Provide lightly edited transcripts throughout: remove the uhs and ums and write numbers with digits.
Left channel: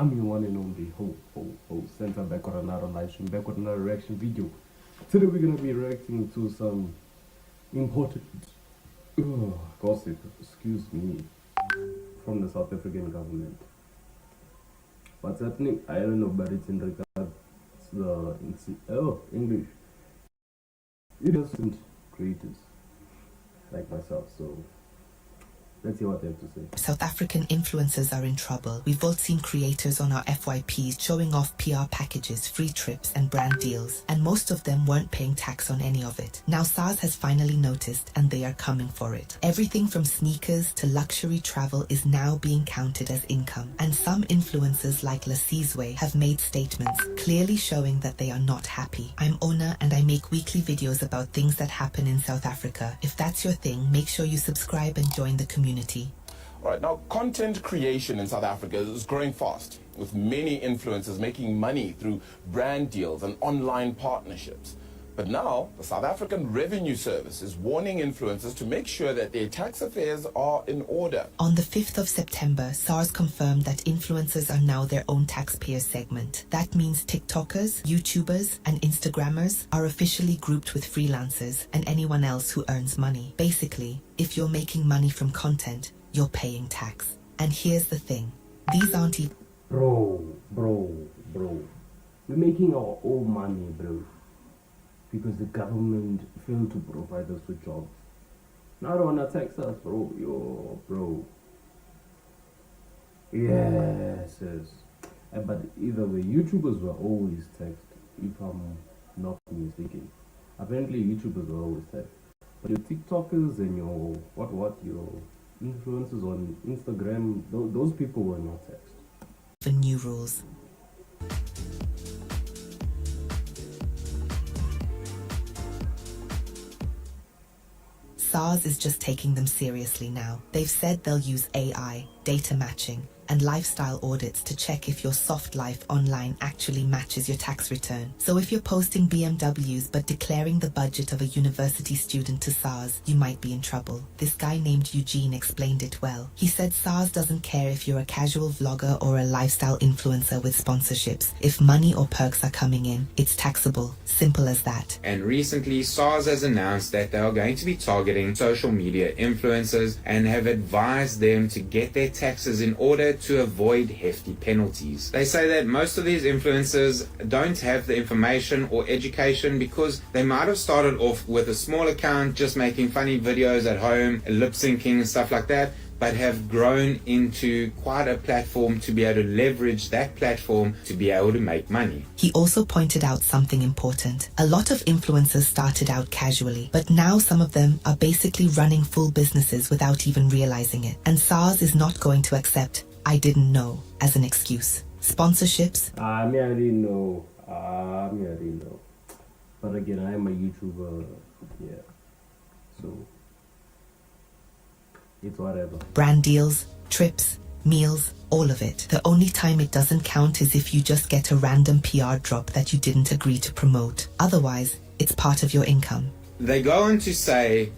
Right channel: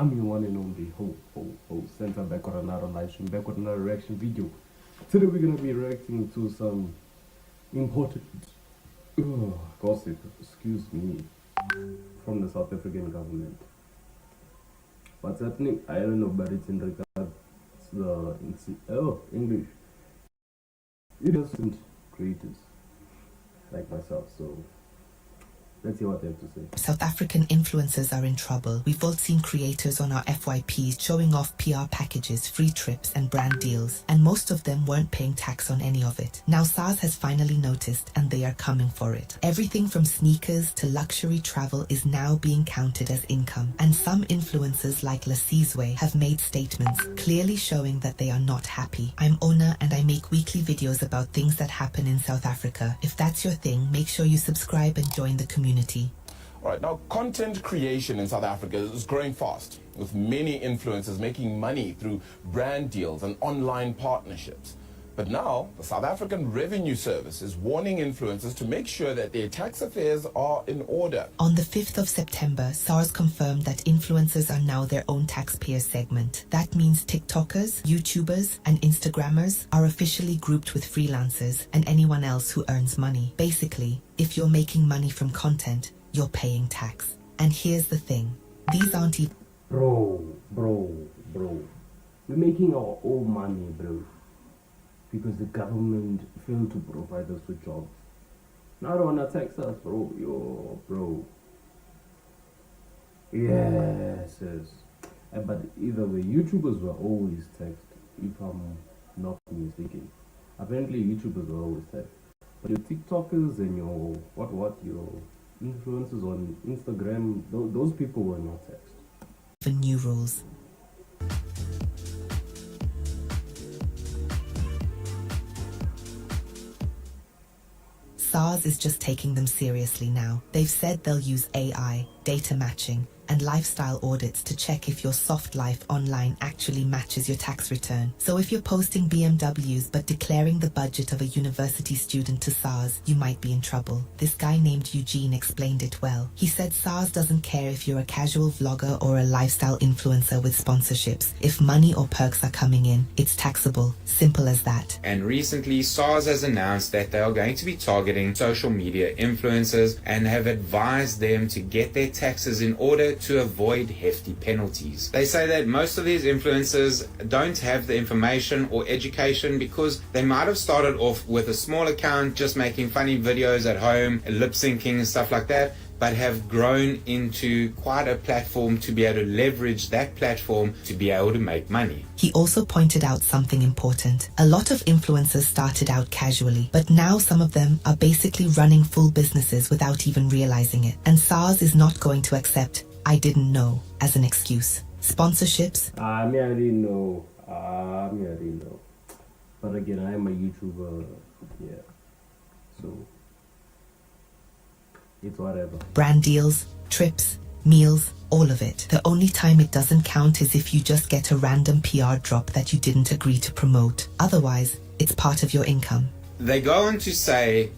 I'm your one and only Center back on another live stream, back with another reaction video. Today we're gonna be reacting to some important gossip, excuse me, from the South African government. What's happening? I don't know, but it's in regards to the English. It doesn't creators like myself, so let's see what they have to say. South African influencers are in trouble. We've all seen creators on our FYPs showing off PR packages, free trips and brand deals, and most of them weren't paying tax on any of it. Now SARS has finally noticed and they are coming for it. Everything from sneakers to luxury travel is now being counted as income, and some influencers like Lasizwe have made statements clearly showing that they are not happy. I'm Ona and I make weekly videos about things that happen in South Africa. If that's your thing, make sure you subscribe and join the community. All right, now content creation in South Africa is growing fast, with many influencers making money through brand deals and online partnerships. But now, the South African Revenue Service is warning influencers to make sure that their tax affairs are in order. On the 5th of September, SARS confirmed that influencers are now their own taxpayer segment. That means TikTokers, YouTubers, and Instagrammers are officially grouped with freelancers and anyone else who earns money. Basically, if you're making money from content, you're paying tax. And here's the thing, these aren't even... Bro. We're making our own money, bro. Because the government failed to provide us with jobs. Now they wanna tax us, bro. Bro. Yes. But either way, YouTubers were always taxed, if I'm not mistaken. Apparently YouTubers were always taxed. But your TikTokers and your your influencers on Instagram, those people were not taxed. The new rules. SARS is just taking them seriously now. They've said they'll use AI, data matching, and lifestyle audits to check if your soft life online actually matches your tax return. So if you're posting BMWs but declaring the budget of a university student to SARS, you might be in trouble. This guy named Eugene explained it well. He said SARS doesn't care if you're a casual vlogger or a lifestyle influencer with sponsorships. If money or perks are coming in, it's taxable. Simple as that. And recently, SARS has announced that they are going to be targeting social media influencers and have advised them to get their taxes in order to avoid hefty penalties. They say that most of these influencers don't have the information or education because they might have started off with a small account just making funny videos at home, lip syncing and stuff like that, but have grown into quite a platform to be able to leverage that platform to be able to make money. He also pointed out something important. A lot of influencers started out casually, but now some of them are basically running full businesses without even realizing it. And SARS is not going to accept "I didn't know" as an excuse. Sponsorships. I didn't know. But again, I am a YouTuber, yeah. So it's whatever. Brand deals, trips, meals, all of it. The only time it doesn't count is if you just get a random PR drop that you didn't agree to promote. Otherwise, it's part of your income. They go on to say,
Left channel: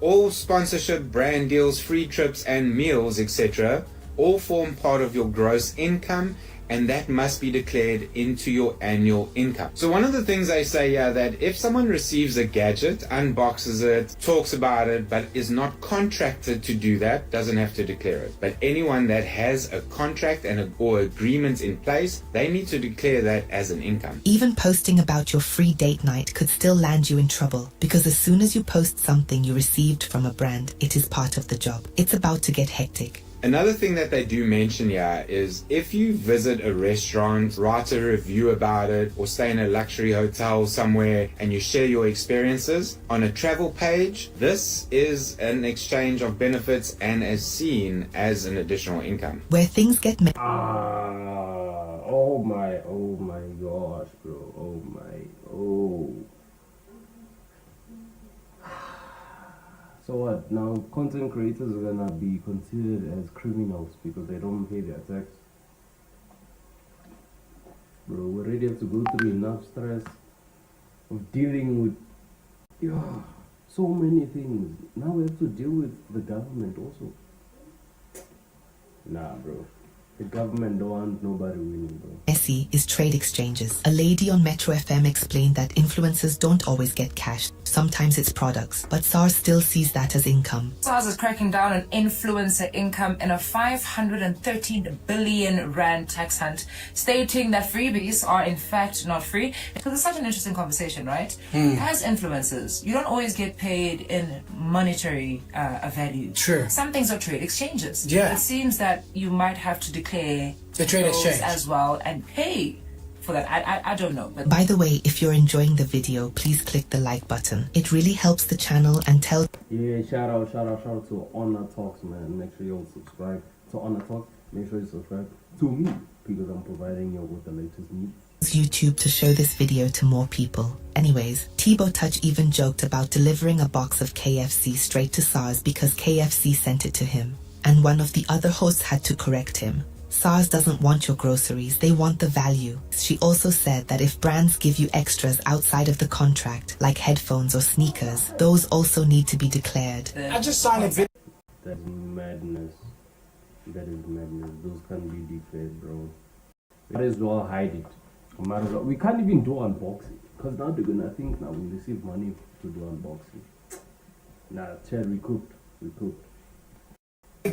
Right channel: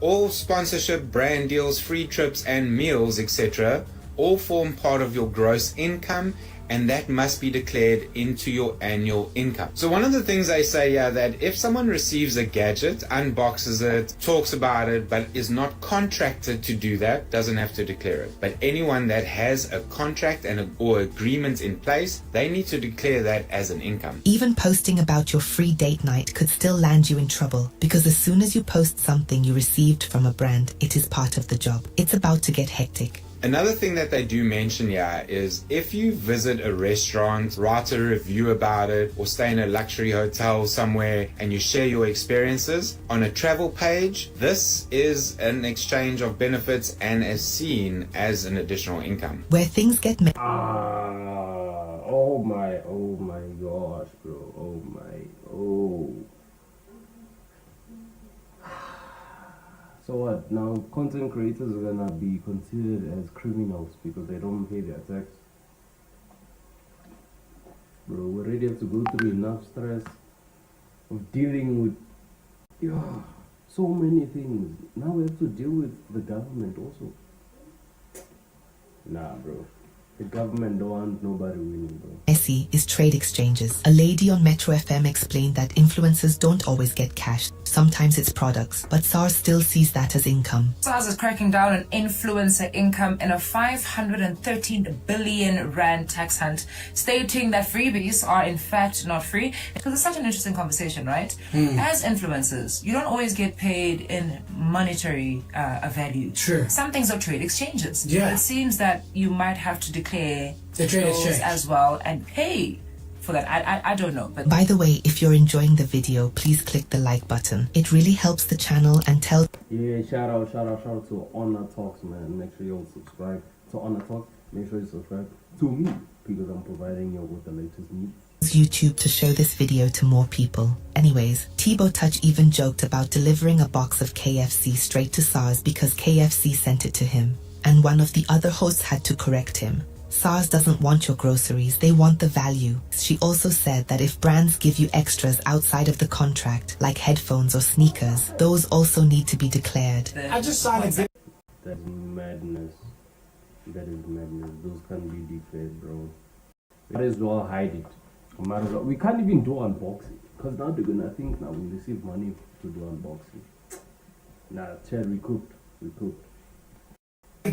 all sponsorship, brand deals, free trips and meals, etc. all form part of your gross income, and that must be declared into your annual income. So one of the things they say here, that if someone receives a gadget, unboxes it, talks about it, but is not contracted to do that, doesn't have to declare it. But anyone that has a contract or agreement in place, they need to declare that as an income. Even posting about your free date night could still land you in trouble, because as soon as you post something you received from a brand, it is part of the job. It's about to get hectic. Another thing that they do mention here is if you visit a restaurant, write a review about it, or stay in a luxury hotel somewhere and you share your experiences on a travel page, this is an exchange of benefits and is seen as an additional income. Where things get oh my gosh, bro. So what? Now content creators are gonna be considered as criminals because they don't pay their tax. Bro, we already have to go through enough stress of dealing with so many things. Now we have to deal with the government also. Nah, bro. The government don't want nobody winning, bro. SE is trade exchanges. A lady on Metro FM explained that influencers don't always get cash. Sometimes it's products, but SARS still sees that as income. SARS is cracking down on influencer income in a 513 billion rand tax hunt, stating that freebies are in fact not free. Because it's such an interesting conversation, right? As influencers, you don't always get paid in monetary value. True. Some things are trade exchanges. Yeah. It seems that you might have to declare The trade those exchange as well and pay for that. I don't know. But By the way, if you're enjoying the video, please click the like button. It really helps the channel and tell Yeah, shout out to Honor Talks, man. Make sure you all subscribe to Honor Talks. Make sure you subscribe to me because I'm providing you with the latest news. YouTube to show this video to more people. Anyways, Tebow Touch even joked about delivering a box of KFC straight to SARS because KFC sent it to him. And one of the other hosts had to correct him. SARS doesn't want your groceries, they want the value. She also said that if brands give you extras outside of the contract, like headphones or sneakers, those also need to be declared. I just signed a bit. That is madness. That is madness. Those can't be declared, bro. Might as well hide it. Might as well. We can't even do unboxing. Because now they're gonna think now we receive money to do unboxing. Nah, Chad, we cooked.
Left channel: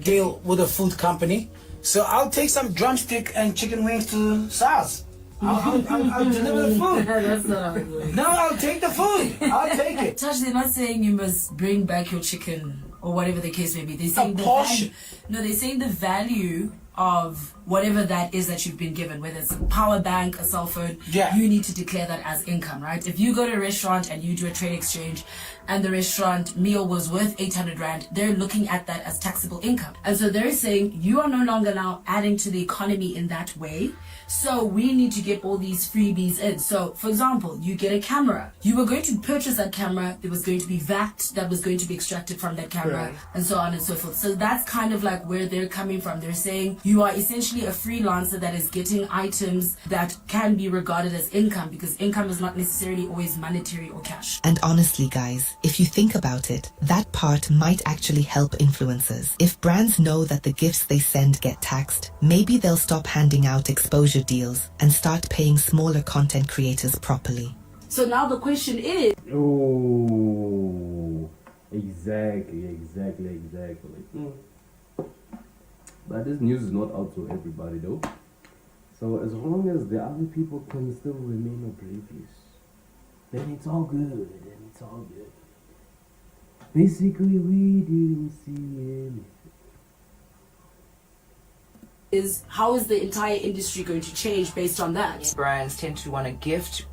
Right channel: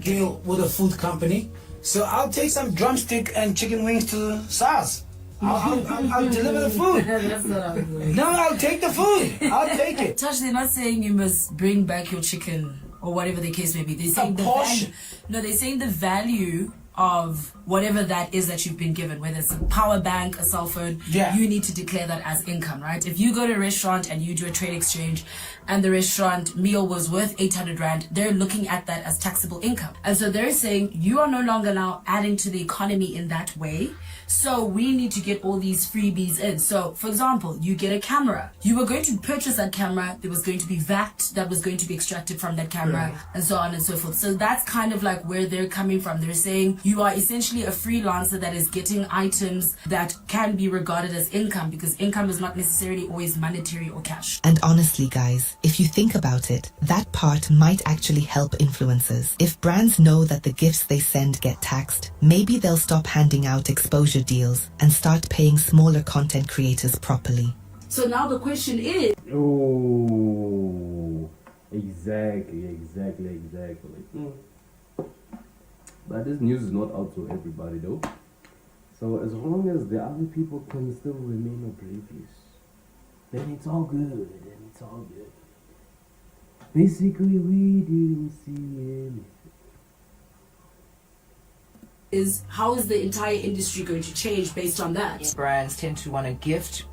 Deal with a food company, so I'll take some drumstick and chicken wings to SARS. I'll deliver the food. That's not how it works. No, I'll take the food. I'll take it. Touch, they're not saying you must bring back your chicken or whatever the case may be. They're saying portion. they're saying the value of whatever that is that you've been given, whether it's a power bank, a cell phone, you need to declare that as income, right? If you go to a restaurant and you do a trade exchange and the restaurant meal was worth 800 Rand, they're looking at that as taxable income. And so they're saying you are no longer now adding to the economy in that way. So we need to get all these freebies in. So for example, you get a camera. You were going to purchase that camera. There was going to be VAT that was going to be extracted from that camera and so on and so forth. So that's kind of like where they're coming from. They're saying you are essentially a freelancer that is getting items that can be regarded as income because income is not necessarily always monetary or cash. And honestly, guys, if you think about it, that part might actually help influencers. If brands know that the gifts they send get taxed, maybe they'll stop handing out exposure deals and start paying smaller content creators properly. So now the question is... Oh, exactly. But this news is not out to everybody though. So as long as the other people can still remain oblivious, then it's all good. Basically, we didn't see anything. is how is the entire industry going to change based on that? brands tend to want to gift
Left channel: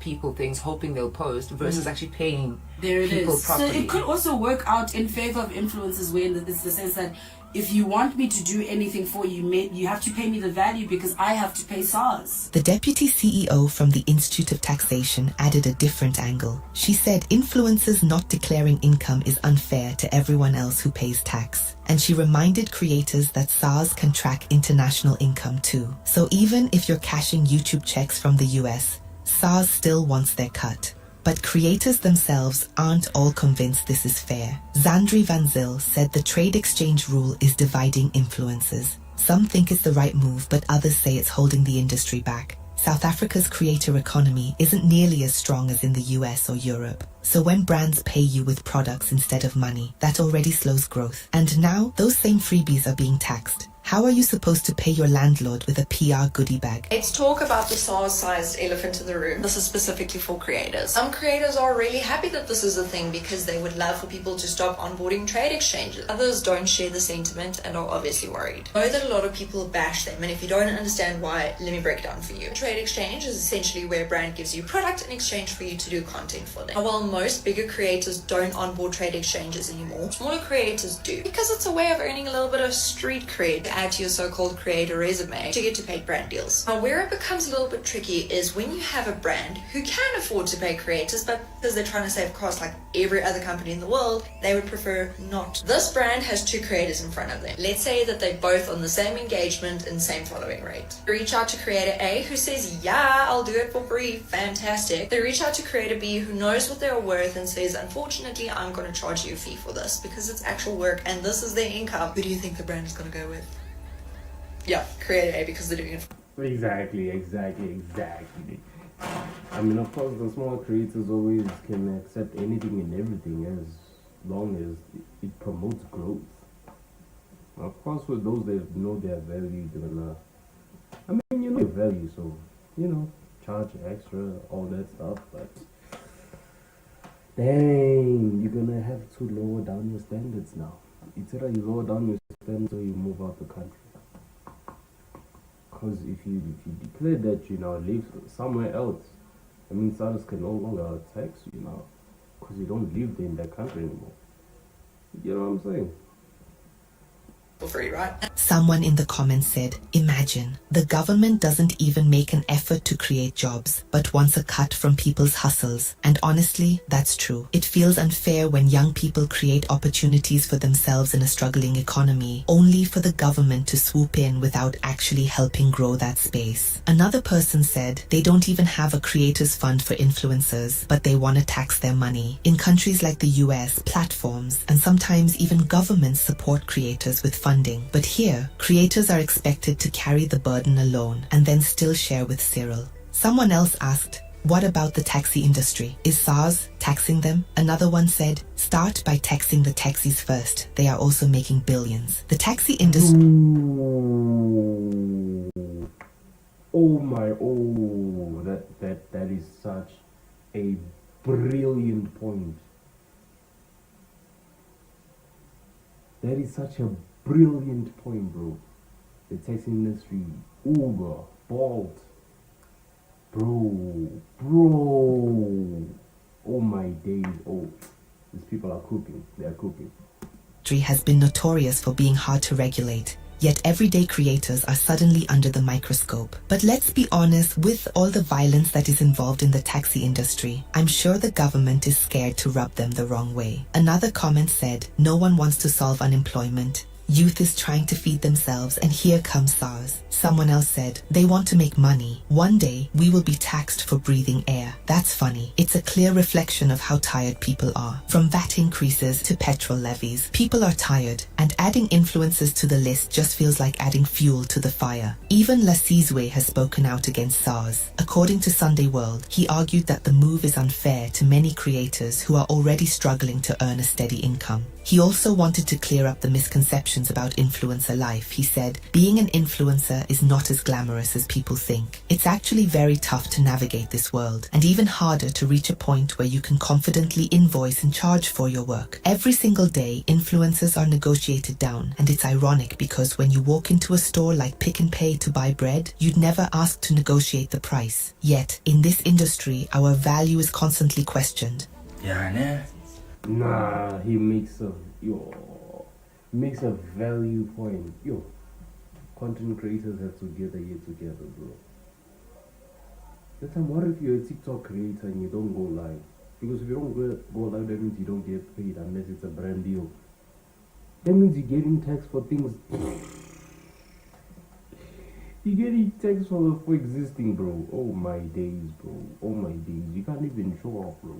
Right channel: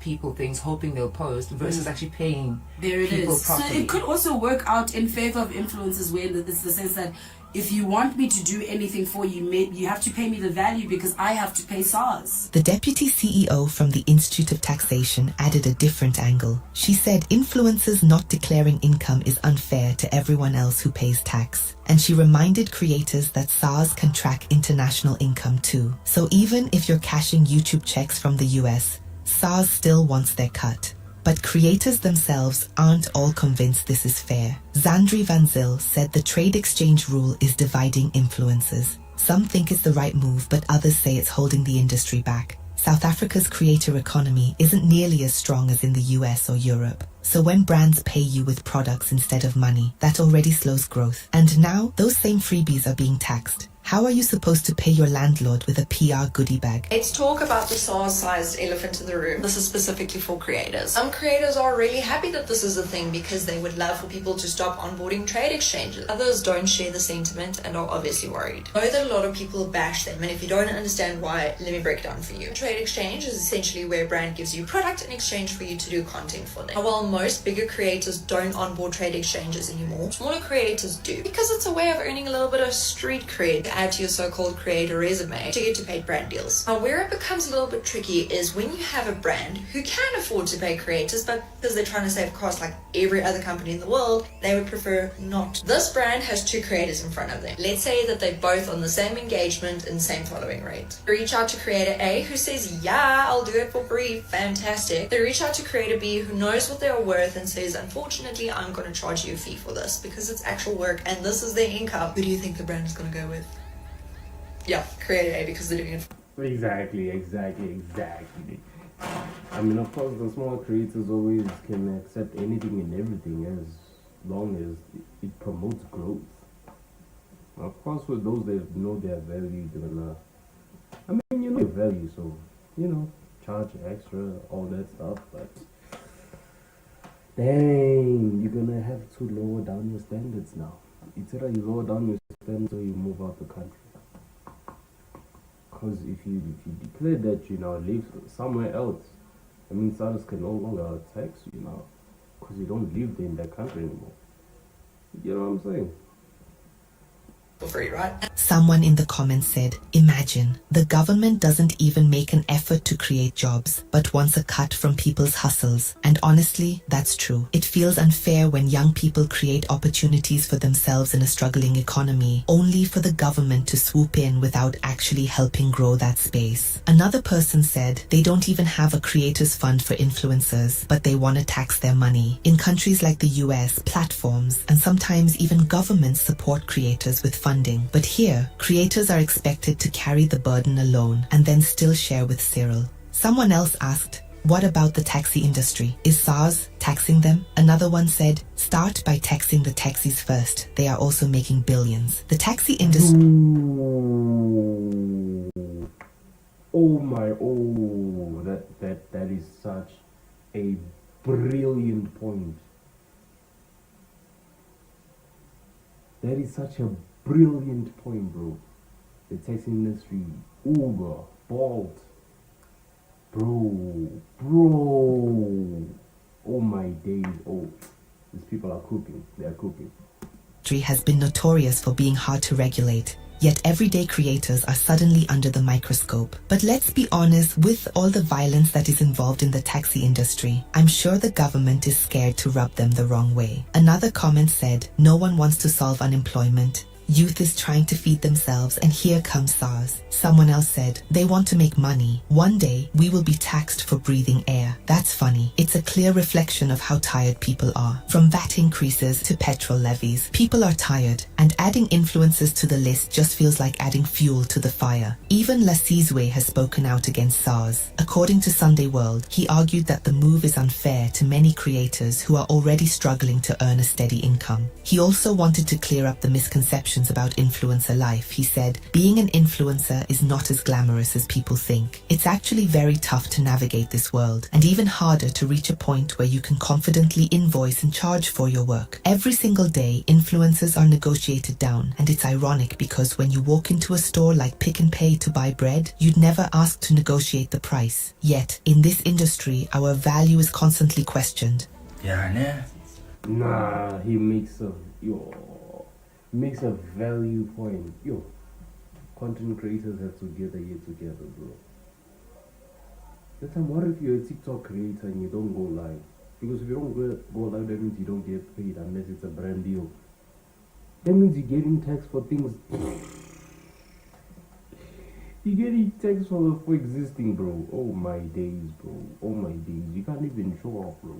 people things hoping they'll post versus actually paying There it people is. properly. So it could also work out in favor of influencers where it's the sense that if you want me to do anything for you, you have to pay me the value because I have to pay SARS. The deputy CEO from the Institute of Taxation added a different angle. She said influencers not declaring income is unfair to everyone else who pays tax. And she reminded creators that SARS can track international income too. So even if you're cashing YouTube checks from the US, SARS still wants their cut. But creators themselves aren't all convinced this is fair. Zandri Van Zyl said the trade exchange rule is dividing influencers. Some think it's the right move, but others say it's holding the industry back. South Africa's creator economy isn't nearly as strong as in the US or Europe. So when brands pay you with products instead of money, that already slows growth. And now, those same freebies are being taxed. How are you supposed to pay your landlord with a PR goodie bag? Let's talk about the SARS-sized elephant in the room. This is specifically for creators. Some creators are really happy that this is a thing because they would love for people to stop onboarding trade exchanges. Others don't share the sentiment and are obviously worried. I know that a lot of people bash them, and if you don't understand why, let me break it down for you. Trade exchange is essentially where a brand gives you product in exchange for you to do content for them. Now, while most bigger creators don't onboard trade exchanges anymore, smaller creators do because it's a way of earning a little bit of street cred add to your so-called creator resume to get to paid brand deals. Now, where it becomes a little bit tricky is when you have a brand who can afford to pay creators, but because they're trying to save costs like every other company in the world, they would prefer not. This brand has two creators in front of them. Let's say that they're both on the same engagement and same following rate. They reach out to creator A who says, yeah, I'll do it for free, fantastic. They reach out to creator B who knows what they're worth and says, unfortunately, I'm going to charge you a fee for this because it's actual work and this is their income. Who do you think the brand is going to go with? yeah, creator A because they're doing it. Exactly. I mean, of course, the small creators always can accept anything and everything as long as it promotes growth. Of course, with those that know their value, they're gonna. I mean, you know your value, so charge extra, all that stuff. But dang, you're gonna have to lower down your standards now. It's either you lower down your standards or you move out the country. Because if you declare that you now live somewhere else, I mean, SARS can no longer tax you now because you don't live in that country anymore. You know what I'm saying? Free, right? Someone in the comments said, imagine, the government doesn't even make an effort to create jobs, but wants a cut from people's hustles. And honestly, that's true. It feels unfair when young people create opportunities for themselves in a struggling economy, only for the government to swoop in without actually helping grow that space. Another person said, they don't even have a creators fund for influencers, but they want to tax their money. In countries like the US, platforms, and sometimes even governments support creators with funding. But here, creators are expected to carry the burden alone and then still share with Cyril. Someone else asked, what about the taxi industry? Is SARS taxing them? Another one said, start by taxing the taxis first. They are also making billions. The taxi industry... That is such a brilliant point. That is such a brilliant point, bro. The taxi industry, Uber, Bolt, bro. Oh my days, these people are cooking. They are cooking. Has been notorious for being hard to regulate. Yet everyday creators are suddenly under the microscope. But let's be honest, with all the violence that is involved in the taxi industry, I'm sure the government is scared to rub them the wrong way. Another comment said, no one wants to solve unemployment. Youth is trying to feed themselves, and here comes SARS. Someone else said, they want to make money. One day, we will be taxed for breathing air. That's funny. It's a clear reflection of how tired people are. From VAT increases to petrol levies, people are tired, and adding influencers to the list just feels like adding fuel to the fire. Even Lasizwe has spoken out against SARS. According to Sunday World, he argued that the move is unfair to many creators who are already struggling to earn a steady income. He also wanted to clear up the misconceptions about influencer life. He said, being an influencer is not as glamorous as people think. It's actually very tough to navigate this world, and even harder to reach a point where you can confidently invoice and charge for your work. Every single day, influencers are negotiated down, and it's ironic because when you walk into a store like Pick and Pay to buy bread, you'd never ask to negotiate the price. Yet, in this industry, our value is constantly questioned. Yeah, nah, he makes a value point. Content creators have to get their head together, bro. That time, what if you're a TikTok creator and you don't go live? Because if you don't go live, that means you don't get paid unless it's a brand deal. That means you're getting taxed for things. You're getting taxed for existing, bro. Oh my days, bro. Oh my days. You can't even show off, bro.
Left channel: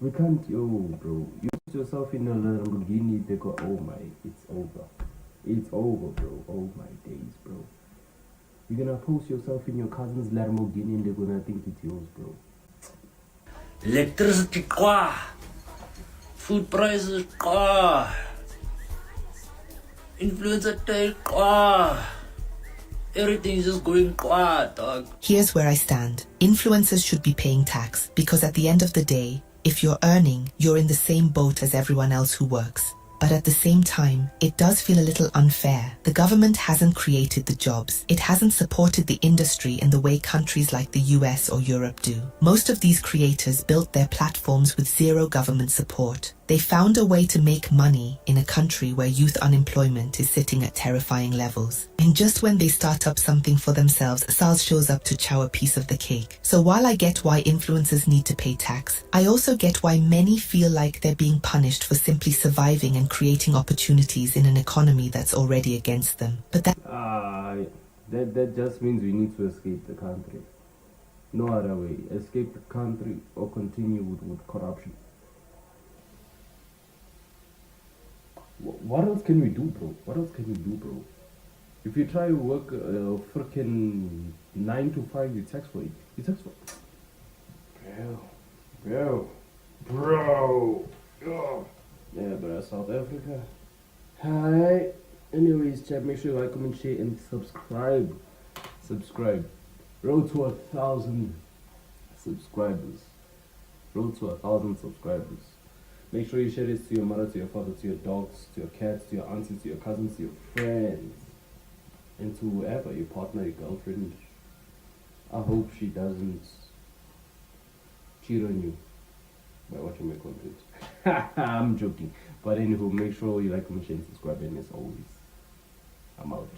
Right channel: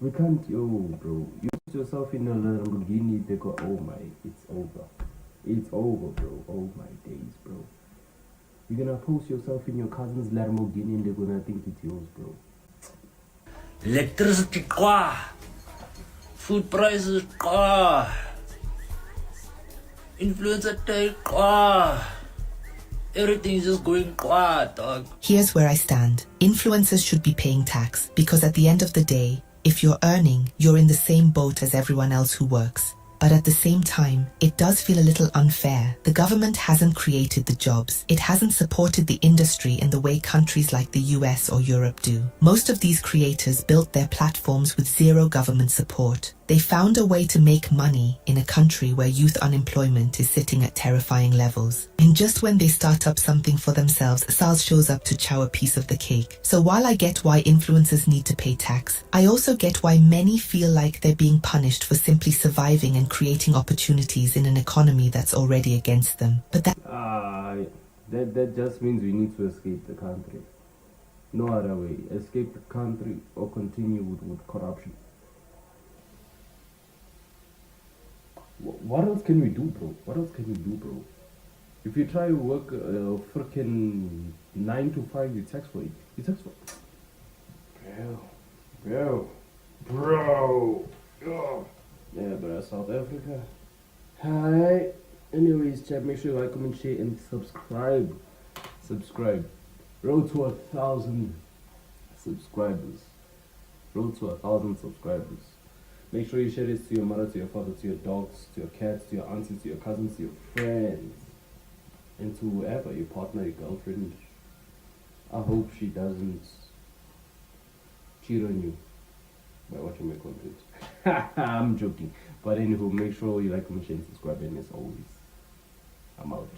We can't, bro. You put yourself in a Lamborghini, they go, oh my, it's over. It's over, bro. Oh my days, bro. You're gonna post yourself in your cousin's Lamborghini and they're gonna think it's yours, bro. Electricity, food prices, influencer take, everything's just going dog. Here's where I stand. Influencers should be paying tax because at the end of the day, if you're earning, you're in the same boat as everyone else who works. But at the same time, it does feel a little unfair. The government hasn't created the jobs. It hasn't supported the industry in the way countries like the US or Europe do. Most of these creators built their platforms with zero government support. They found a way to make money in a country where youth unemployment is sitting at terrifying levels. And just when they start up something for themselves, SARS shows up to chow a piece of the cake. So while I get why influencers need to pay tax, I also get why many feel like they're being punished for simply surviving and creating opportunities in an economy that's already against them. But that just means we need to escape the country. No other way. Escape the country or continue with corruption. What else can we do, bro? What else can we do, bro? If you try to work freaking 9 to 5, you tax for it. You tax for bro. Oh. Yeah, but that's South Africa. Hi. Anyways, chat, make sure you like, comment, share, and subscribe. Road to 1,000 subscribers. Road to 1,000 subscribers. Make sure you share this to your mother, to your father, to your dogs, to your cats, to your aunties, to your cousins, to your friends, and to whoever, your partner, your girlfriend. I hope she doesn't cheat on you by watching my content. I'm joking. But anywho, make sure you like, comment, share, and subscribe, and as always, I'm out.